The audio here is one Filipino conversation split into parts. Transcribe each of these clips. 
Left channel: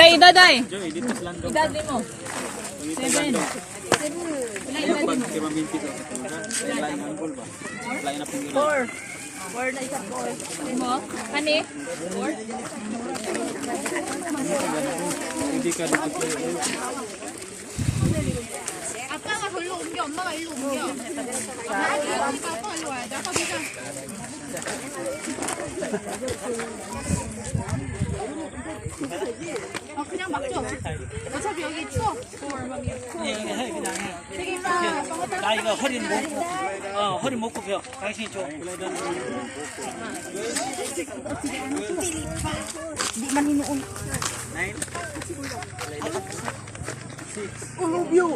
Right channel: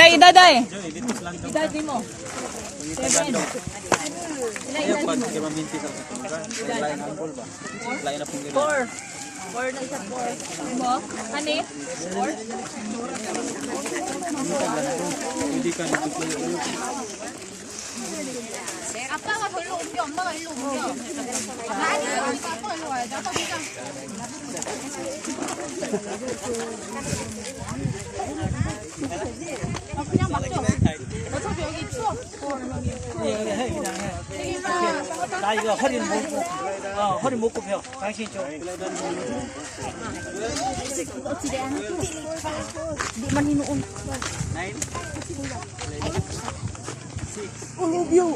Ilay edad ay. Edad mo. 7. Ilay edad mo. 4. 4 na isa 4. Mo? Kani? 4? 아빠가 절로 옮겨, 엄마가 일로 옮겨. 나한테 아빠 일로 와야 돼. 아빠 보자. 그냥 막죠. 어차피 여기 추워. 되게 나 이거 허리 못 굽혀. 당신이 줘. Di man hinuon. 9. Ulubyo.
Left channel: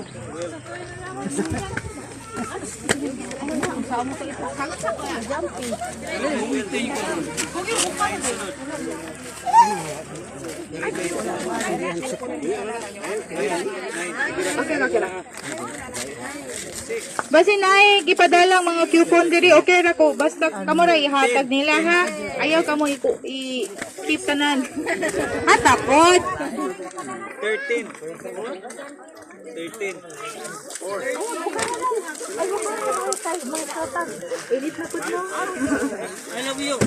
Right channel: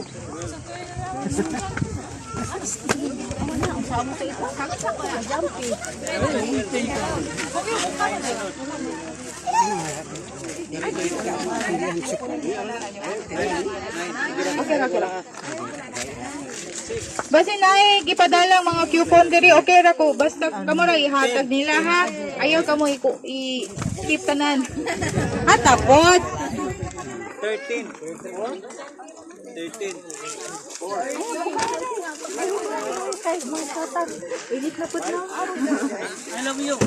Basta na gipadalang mga coupon diri okay ra ko basta kamo ra ihatag nila ha. Ayaw kamo i-keep tanan. At tapos 13. 13. 4. I love you. 4.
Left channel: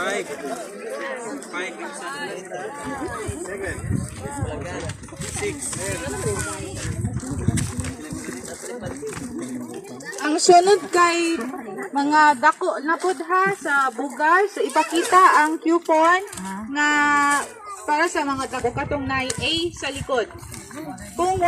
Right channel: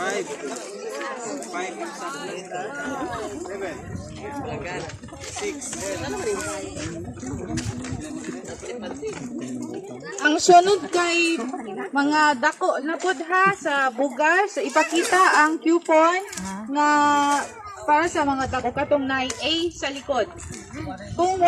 5. 6. ang sunod kay mga dako na pud ha sa bugas so ipakita ang coupon nga para sa mga dako katong na A sa likod. Kung